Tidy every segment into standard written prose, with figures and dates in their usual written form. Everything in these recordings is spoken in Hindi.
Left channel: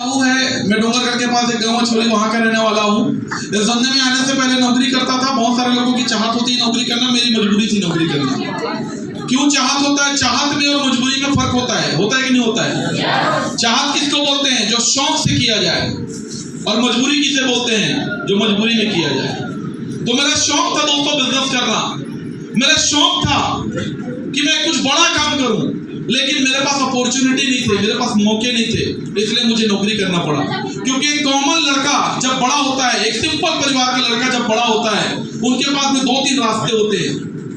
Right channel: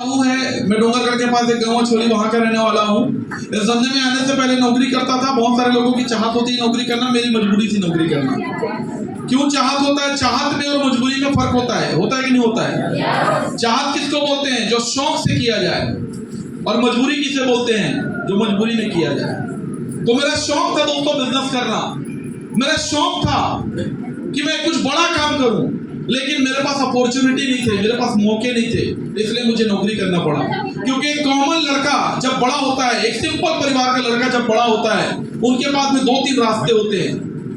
है। मैं डोंगरगढ़ के पास एक गाँव छोड़ी वहां का रहने वाला हूँ। इस धंधे में आने से पहले नौकरी करता था। बहुत सारे लोगों की चाहत होती है नौकरी करना, मेरी मजबूरी थी नौकरी करना। क्यों चाहत होता है? चाहत में और मजबूरी में फर्क होता है कि नहीं होता है? चाहत किसको बोलते हैं? जो शौक से किया जाए। और मजबूरी किसे बोलते हैं? जो मजबूरी में किया जाए। तो मेरा शौक था दोस्तों बिजनेस करना। मेरा शौक था कि मैं कुछ बड़ा काम करूं, लेकिन मेरे पास अपॉर्चुनिटी नहीं थे, मेरे पास मौके नहीं थे, इसलिए मुझे नौकरी करना पड़ा। क्योंकि एक कॉमन लड़का जब बड़ा होता है, एक सिंपल परिवार का लड़का जब बड़ा होता है, उनके पास में 2-3 रास्ते होते हैं।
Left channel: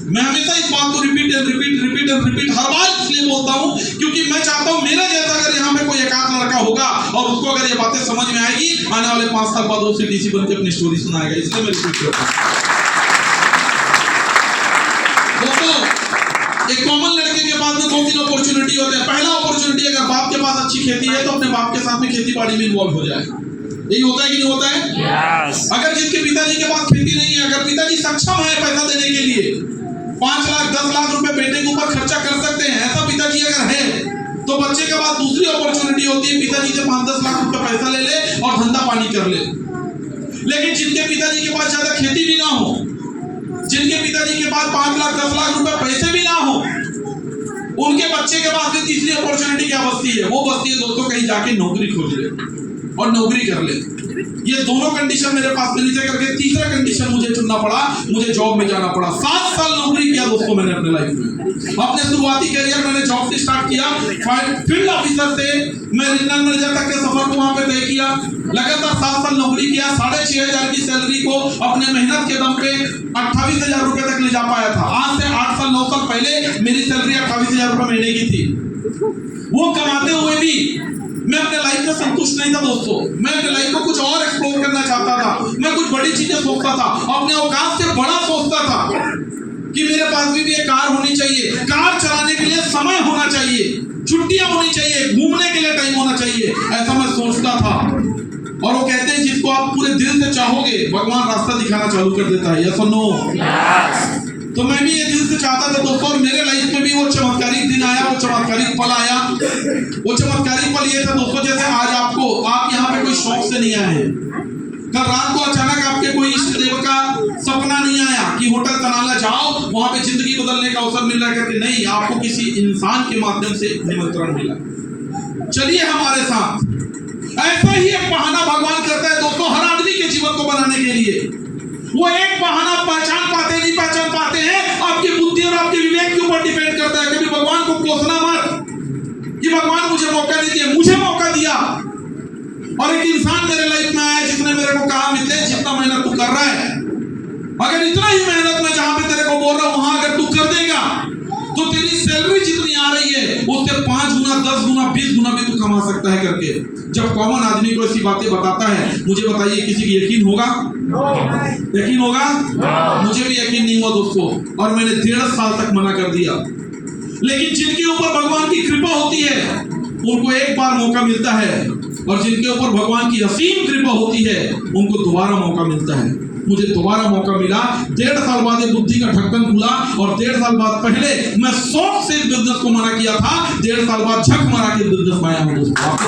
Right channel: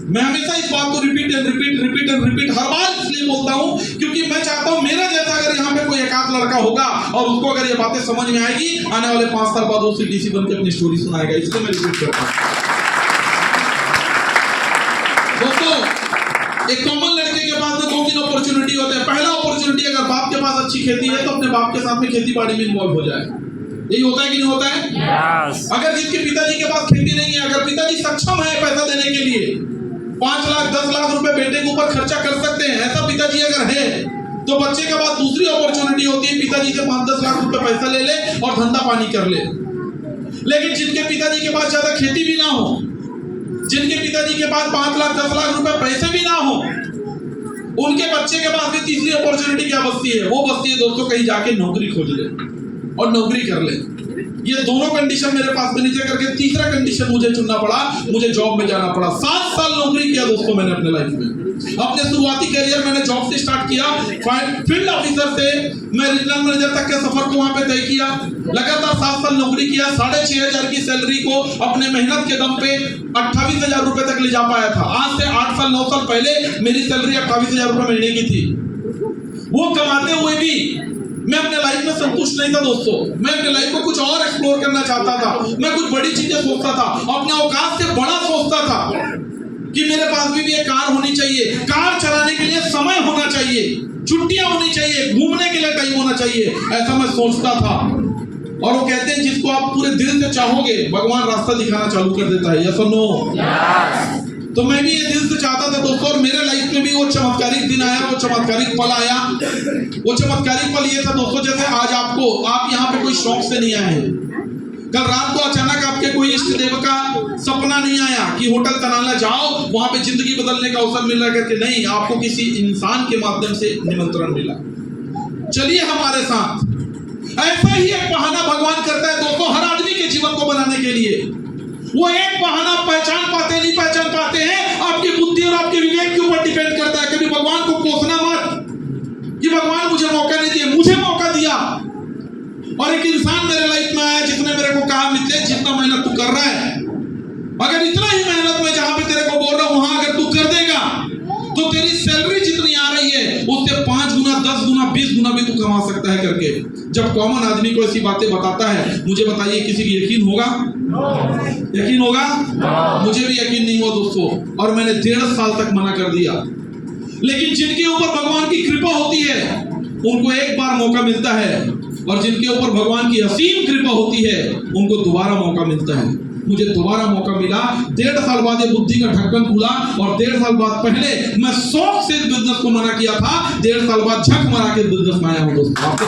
मैं हमेशा इस बात को रिपीट हर बार इसलिए बोलता हूं क्योंकि मैं चाहता हूं मेरा जैसा अगर यहाँ पे कोई एकाध लड़का होगा और उसको अगर ये बातें समझ में आएगी, आने वाले 5 साल बाद वो सीटीसी बन के अपनी स्टोरी सुनाएगा। इसलिए मैं रिपीट करता हूं। दोस्तों, एक कॉमन लड़के के पास में 2-3 अपॉर्चुनिटी होते हैं। पहला अपॉर्चुनिटी, अगर बाप के पास अच्छी खेती है तो अपने बाप के साथ में खेती बाड़ी में इन्वॉल्व हो जाए। यही होता है कि नहीं होता है? yes. अगर जिसके पिताजी के पास खेती नहीं है, अगर पिताजी सक्षम है पैसा देने के लिए, 5 लाख 10 लाख रुपए बेटे के ऊपर खर्चा कर सकते हैं, ऐसा पिताजी अगर है, तो बच्चे के पास दूसरी अपॉर्चुनिटी होती है, पिताजी से 5-10 लाख रुपए पैसा ले ले और धंधा पानी कर ले। लेकिन जिनके पिताजी के पास ज्यादा खेती भी ना हो, जिनके पिताजी के पास 5 लाख 10 लाख रुपए पैसे भी ना हो, उनके बच्चे के पास भी तीसरी अपॉर्चुनिटी क्या बचती है? वो बचती है दोस्तों, कहीं जाके नौकरी खोज ले और नौकरी कर ले। ये दोनों कंडीशन मेरे पास मिली से करके तीसरा कंडीशन मुझे चुनना पड़ा, मुझे जॉब में जाना पड़ा। 7 साल नौकरी किया दोस्तों मैंने अपने लाइफ में। अपने शुरुआती करियर मैंने जॉब से स्टार्ट किया, फील्ड ऑफिसर से मैं रीजनल मैनेजर तक के सफर को वहां पे तय किया। लगातार 7 साल नौकरी किया। 6,500 की सैलरी को अपने मेहनत के दम पे 28,000 रुपए तक ले जा पाया था। आज से 8 साल 9 साल पहले मेरी सैलरी 28,000 रुपए महीने की थी। वो कमाते हुए भी मैं अपने लाइफ में संतुष्ट नहीं था दोस्तों। मैं अपने लाइफ को कुछ और एक्सप्लोर करना चाहता था। मैं कुछ बड़ी चीजें सोचता था, अपने औकात से बड़ा सोचता था कि मेरे पास भी एक कार होनी चाहिए, कार चलाने के लिए समय होना चाहिए, छुट्टियां होनी चाहिए, घूमने के लिए टाइम होना चाहिए, ऐसा मैं सोचता था। और वो कहते हैं जिसको आप पूरे दिल से चाहोगे, भगवान रास्ता दिखाना चालू कर देता है। यस और नो? तो मैं भी ये दिल से चाहता था दोस्तों, और मेरे लाइफ में भी वो चमत्कारिक दिन आया, वो चमत्कारिक पल आया। वो चमत्कारिक पल ये था दोस्तों, जैसे आज आप यहाँ पे कोई शौक से नहीं आए हैं। कल रात को अचानक आपके कोई इष्ट देव का सपना नहीं आया कि होटल तनाला जाओ, वहां पे जिंदगी बदलने का अवसर मिल रहा है करके नहीं, आपको किसी इंसान के माध्यम से निमंत्रण मिला, चलिए हमारे साथ। ऐसा ही एक बहाना भगवान करता है दोस्तों हर आदमी के जीवन को बनाने के लिए। वो एक बहाना पहचान पाते नहीं पहचान पाते हैं, आपकी बुद्धि और आपके विवेक के ऊपर डिपेंड करता है। कभी भगवान को कोसना मत कि भगवान मुझे मौका नहीं दिया, मुझे मौका दिया। और एक इंसान मेरे लाइफ में आया जिसने मेरे को कहा, मित्र जितना मेहनत तू कर रहा है, अगर इतना ही मेहनत में जहां पे तेरे को बोल रहा हूं वहां अगर तू कर देगा तो तेरी सैलरी जितनी आ रही है उससे 5 गुना 10 गुना 20 गुना भी तू कमा सकता है करके। जब कॉमन आदमी को ऐसी बातें बताता है, मुझे बताइए किसी की यकीन होगा? यकीन होगा? मुझे भी यकीन नहीं हुआ दोस्तों, और मैंने 1.5 साल तक मना कर दिया। लेकिन जिनके ऊपर भगवान की कृपा होती है उनको एक बार मौका मिलता है, और जिनके ऊपर भगवान की असीम कृपा होती है उनको दोबारा मौका मिलता है। मुझे दोबारा मौका मिला। 1.5 साल बाद बुद्धि का ढक्कन खुला, और 1.5 साल बाद पहले मैं शौक से बिजनेस को मना किया था, 1.5 साल बाद झक मारा के बिजनेस में आया हूं दोस्तों। आपको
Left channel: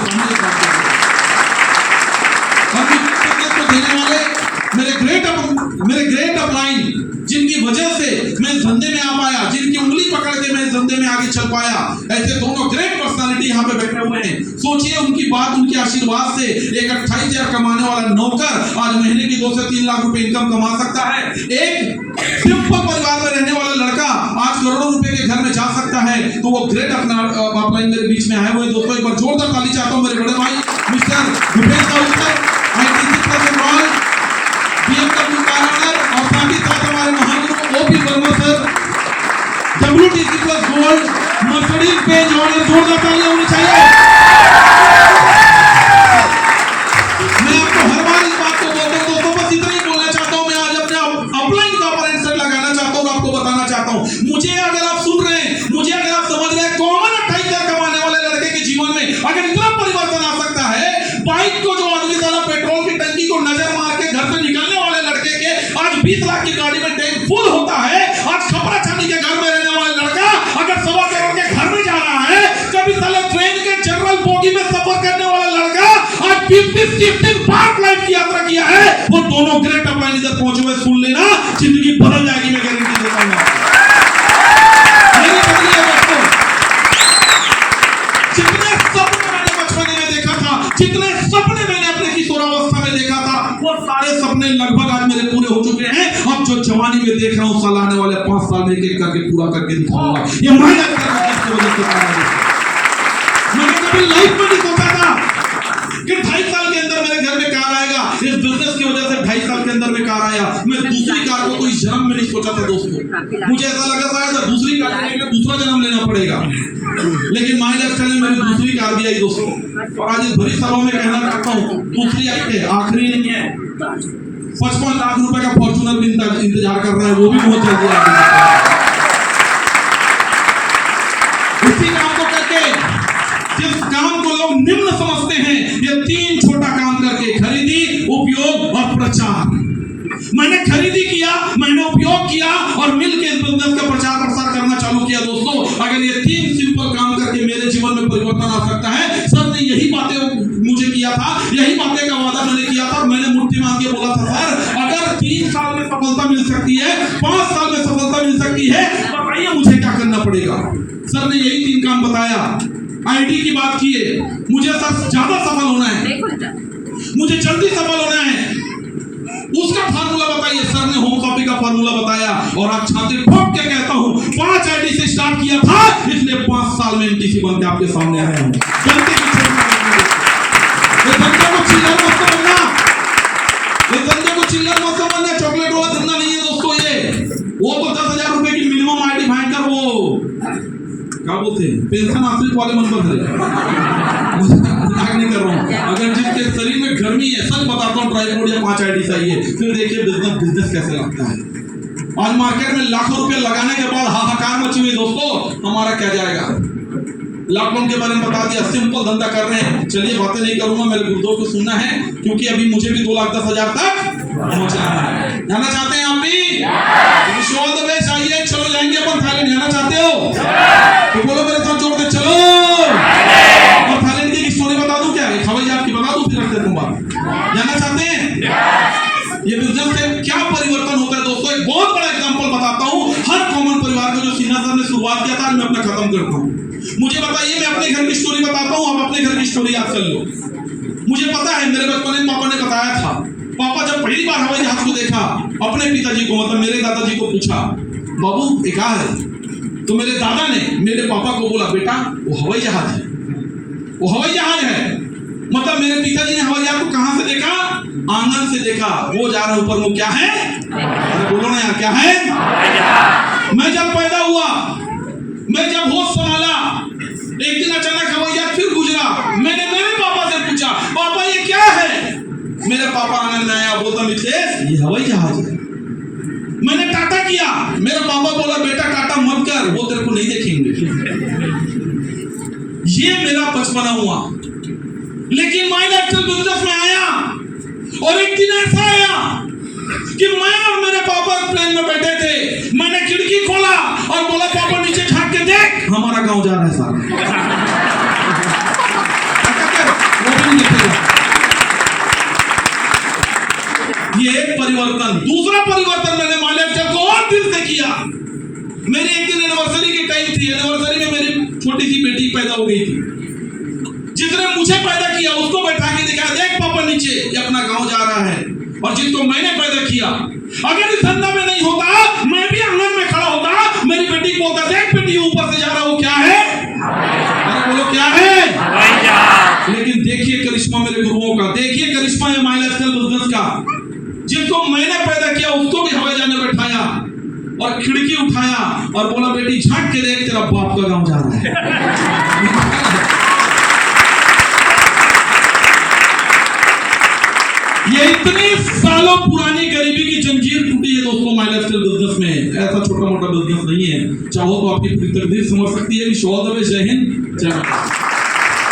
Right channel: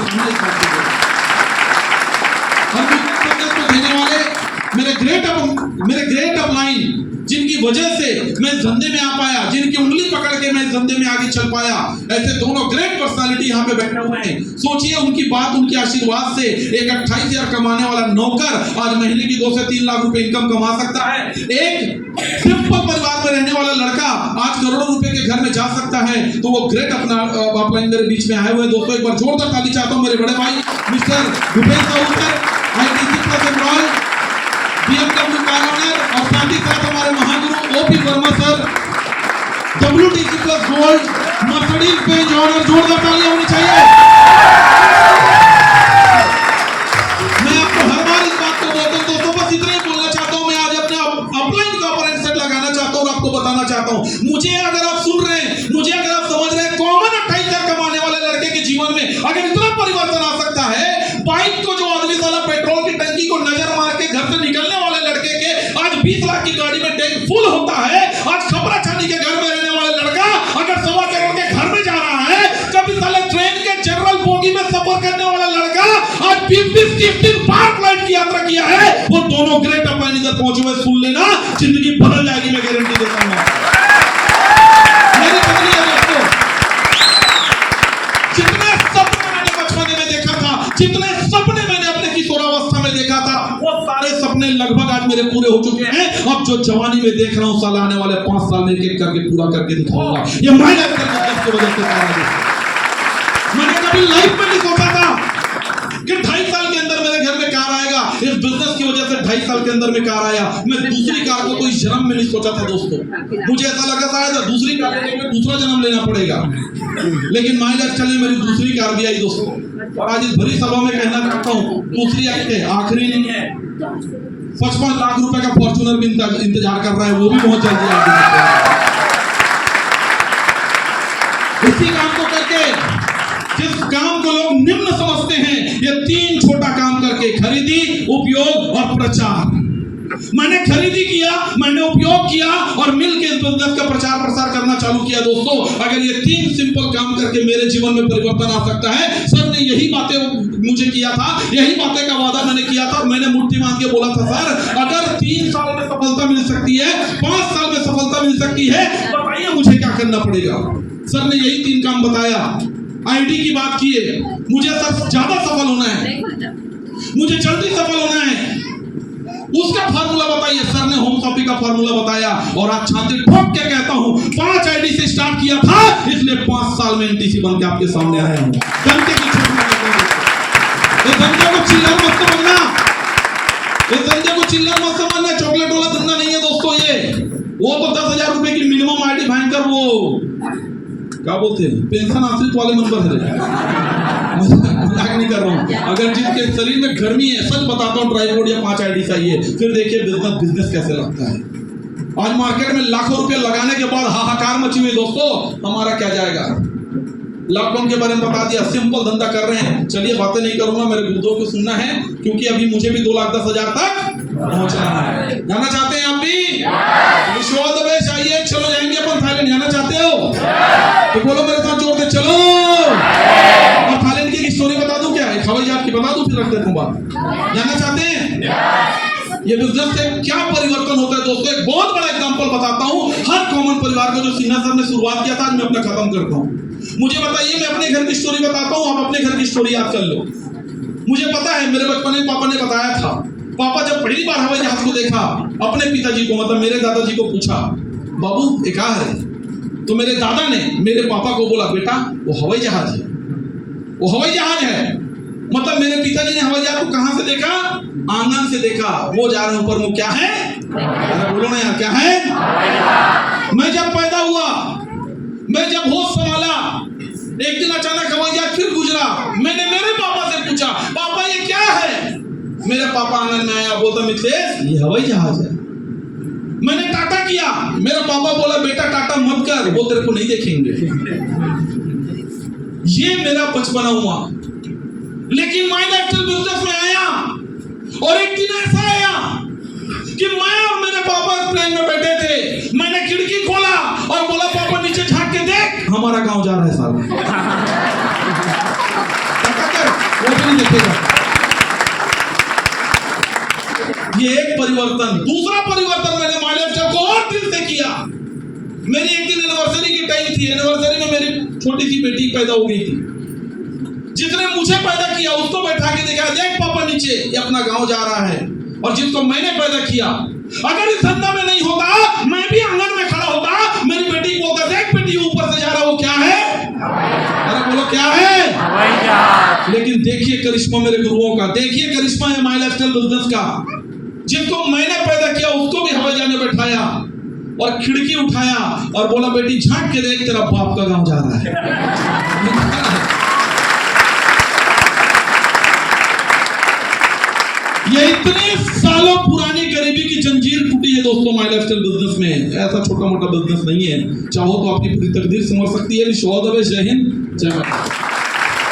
देने वाले मेरे ग्रेट अपलाइन, जिनकी वजह से मैं इस धंधे में आ पाया, जिनकी उंगली पकड़ के मैं इस धंधे में आगे चल पाया, ऐसे दोनों ग्रेट पर्सनालिटी यहाँ पे बैठे हुए हैं। सोचिए उनकी बात, उनके आशीर्वाद से एक 28,000 कमाने वाला नौकर आज महीने की 2 से 3 लाख रुपए इनकम कमा सकता है। एक सिंपल परिवार में रहने वाला लड़का आज करोड़ों रुपए के घर में जा सकता है। तो वो ग्रेट अपलाइन मेरे बीच में आए हुए दोस्तों। एक बार जोरदार ताली चाहता हूँ मेरे बड़े भाई Mister Bhupesh Sahu sir, BMW car owner, और साथ ही साथ हमारे महागुरु OP Verma sir, WTC plus gold, Mercedes Benz owner. जोरदार तालियां होनी चाहिए। मैं आपको हर बार इस बात को बोलता हूं दोस्तों, बस इतना ही बोलना चाहता हूं। मैं आज अपने अपलाइन का अपरेंट सेट लगाना चाहता हूं और आपको बताना चाहता हूं, मुझे अगर आप सुन रहे हैं, मुझे अगर आप समझ रहे हैं, कॉमन 28 लाख कमाने वाले लड़के के जीवन में अगर इतना परिवर्तन आ सकता है, बाइक को जो आदमी साला पेट्रोल की टंकी को नजर मार के घर से निकलने वाले लड़के के आज 20 लाख की गाड़ी में टैंक फुल होता है। आज खपरा छानी के घर में रहने वाला लड़का अगर 1.25 करोड़ के घर में जा रहा है, कभी साला ट्रेन के जनरल बोगी में 20-30 बार फ्लाइट की यात्रा किया है, वो दोनों ग्रेट अपलाइन इधर पहुंचे हुए, सुन लेना, जिंदगी बदल जाएगी, मैं गारंटी देता हूं। मेरे बदले दोस्तों, जितने सपने मैंने बचपन में देखा था, जितने सपने मैंने अपने किशोरावस्था में देखा था, वो सारे सपने लगभग आज मेरे पूरे हो चुके हैं। अब जो जवानी में देख रहा हूं, साल आने वाले 5 साल में एक करके पूरा करके दिखाऊंगा। ये मेहनत की वजह से मैंने कभी लाइफ में नहीं सोचा था कि 2.5 साल के अंदर मेरे घर में कार आएगा। इस बिजनेस की वजह से 2.5 साल के अंदर में कार आया। मैं दूसरी कार को कोई जन्म में नहीं सोचा था दोस्तों। मुझे ऐसा लगा था दूसरी कार लेने के लिए दूसरा जन्म लेना पड़ेगा, लेकिन माय लाइफ चली, मेरी दूसरी कार भी आई दोस्तों। और आज इस भरी सभा में कहना चाहता हूँ, दूसरी आई है, आखिरी नहीं है। 55 लाख रुपए का फॉर्च्यूनर भी इंतजार कर रहा है, वो भी बहुत जल्दी आ जाएगा। इसी काम को करके, जिस काम को लोग निम्न समझते हैं, ये 3 छोटा काम करके, खरीदी, उपयोग और प्रचार। मैंने खरीदी किया, मैंने उपयोग किया और मिलकर इस बिजनेस का प्रचार प्रसार करना चालू किया दोस्तों। अगर ये 3 सिंपल काम करके मेरे जीवन में परिवर्तन आ सकता है, सर ने यही बातें मुझे किया था, यही बातें का वादा मैंने किया था। मैंने मुट्ठी बांध के बोला था, सर अगर 3 साल में सफलता मिल सकती है, 5 साल में सफलता मिल सकती है, बताइए मुझे क्या करना पड़ेगा। सर ने यही 3 काम बताया। आईडी की बात की है, मुझे सर ज्यादा सफल होना है, मुझे जल्दी सफल होना है, उसका फार्मूला बताइए। सर ने होम कॉपी का फार्मूला बताया और आज छाती ठोक के कहता हूं, 5 आईडी से स्टार्ट किया था, इसलिए 5 साल में एनटीसी बन के आपके सामने आया हूं। जनते की ये धंधे को चिल्लर मत समझना, ये धंधे को चिल्लर मत समझना, चॉकलेट वाला धंधा नहीं है दोस्तों। ये वो तो 10,000 रुपए की मिनिमम आईडी भयंकर, वो क्या बोलते हैं, पेंशन आश्रित वाले नंबर है। मजाक नहीं कर रहा हूँ। अगर जिसके शरीर में गर्मी है, सच बताता हूँ, ट्राइपोड या 5 आईडी चाहिए, फिर देखिए बिजनेस कैसे लगता है। आज मार्केट में लाखों रुपए लगाने के बाद हाहाकार मची हुई दोस्तों, हमारा क्या जाएगा। लॉकडाउन के बारे में बता दिया, सिंपल धंधा कर रहे हैं। चलिए बातें नहीं करूंगा, मेरे गुरुदेव को सुनना है, क्योंकि अभी मुझे भी 2,10,000 तक पहुंचना है। जाना चाहते हैं आप भी? आइए, चलो जाएंगे अपन थाईलैंड। जाना चाहते हो तो बोलो मेरे साथ जोर से, चलो। और थाईलैंड की स्टोरी बता दूं क्या, हवाई जहाज की बता दूं, फिर रखते हैं बात। जाना चाहते हैं? ये बिजनेस से क्या परिवर्तन होता है दोस्तों, एक बहुत बड़ा एग्जांपल बताता हूं। हर कॉमन परिवार को जो सिन्हा सर ने शुरुआत किया था, आज मैं अपना खत्म करता हूं। मुझे बताइए, मैं अपने घर की स्टोरी बताता हूं, आप अपने घर की स्टोरी याद कर लो। मुझे पता है, मेरे बचपन में पापा ने बताया था। पापा जब पहली बार हवाई जहाज को देखा, अपने पिताजी को, मतलब मेरे दादाजी को पूछा, बाबू ये क्या है? तो मेरे दादा ने मेरे पापा को बोला, बेटा वो हवाई जहाज है, वो हवाई जहाज है। मतलब मेरे पिताजी ने हवाई जहाज को कहां से देखा? आंगन से देखा। वो जा रहा है ऊपर, वो क्या है? अरे बोलो ना यार, क्या है? मैं जब पैदा हुआ, मैं जब होश संभाला, एक दिन अचानक हवाई जहाज फिर गुजरा। मैंने मेरे पापा से पूछा, पापा ये क्या है? मेरे पापा आंगन में आया, बोलता मिथिलेश ये हवाई जहाज है। मैंने टाटा किया, मेरा पापा बोला बेटा टाटा मत कर, वो तेरे को नहीं देखेंगे। ये मेरा बचपना हुआ। लेकिन माय लाइफ बिजनेस में आया और एक दिन ऐसा आया कि मैं और मेरे पापा प्लेन में बैठे थे। मैंने खिड़की खोला और बोला, पापा नीचे झांक के देख, हमारा गांव जा रहा है साहब। वो भी नहीं देखेगा। ये एक परिवर्तन। दूसरा परिवर्तन मैंने माय लाइफ को और दिल से किया। मेरी एक दिन एनिवर्सरी की टाइम थी। एनिवर्सरी में मेरी छोटी सी बेटी पैदा हो गई थी। जिसने मुझे पैदा किया उसको बैठा के देखा, देख पापा नीचे, ये अपना गांव जा रहा है। और जिसको मैंने पैदा किया, अगर इस धंधा में नहीं होता, मैं भी आंगन में खड़ा होता, मेरी बेटी को बोलता, देख बेटी ऊपर से जा रहा, वो क्या है? अरे बोलो क्या है? हवाई जहाज। लेकिन देखिए करिश्मा मेरे गुरुओं का, देखिए करिश्मा है माय लाइफस्टाइल बिजनेस का। जिसको मैंने पैदा किया उसको भी हवाई जहाज में बैठाया और खिड़की उठाया और बोला, बेटी झांक के देख, तेरा बाप का गांव जा रहा है। ये इतने सालों पुरानी गरीबी की जंजीर टूटी है दोस्तों माय लाइफस्टाइल बिजनेस में। ऐसा छोटा मोटा बिजनेस नहीं है। चाहो तो आपकी पूरी तकदीर संवर सकती है। जय हिंद, जय भारत।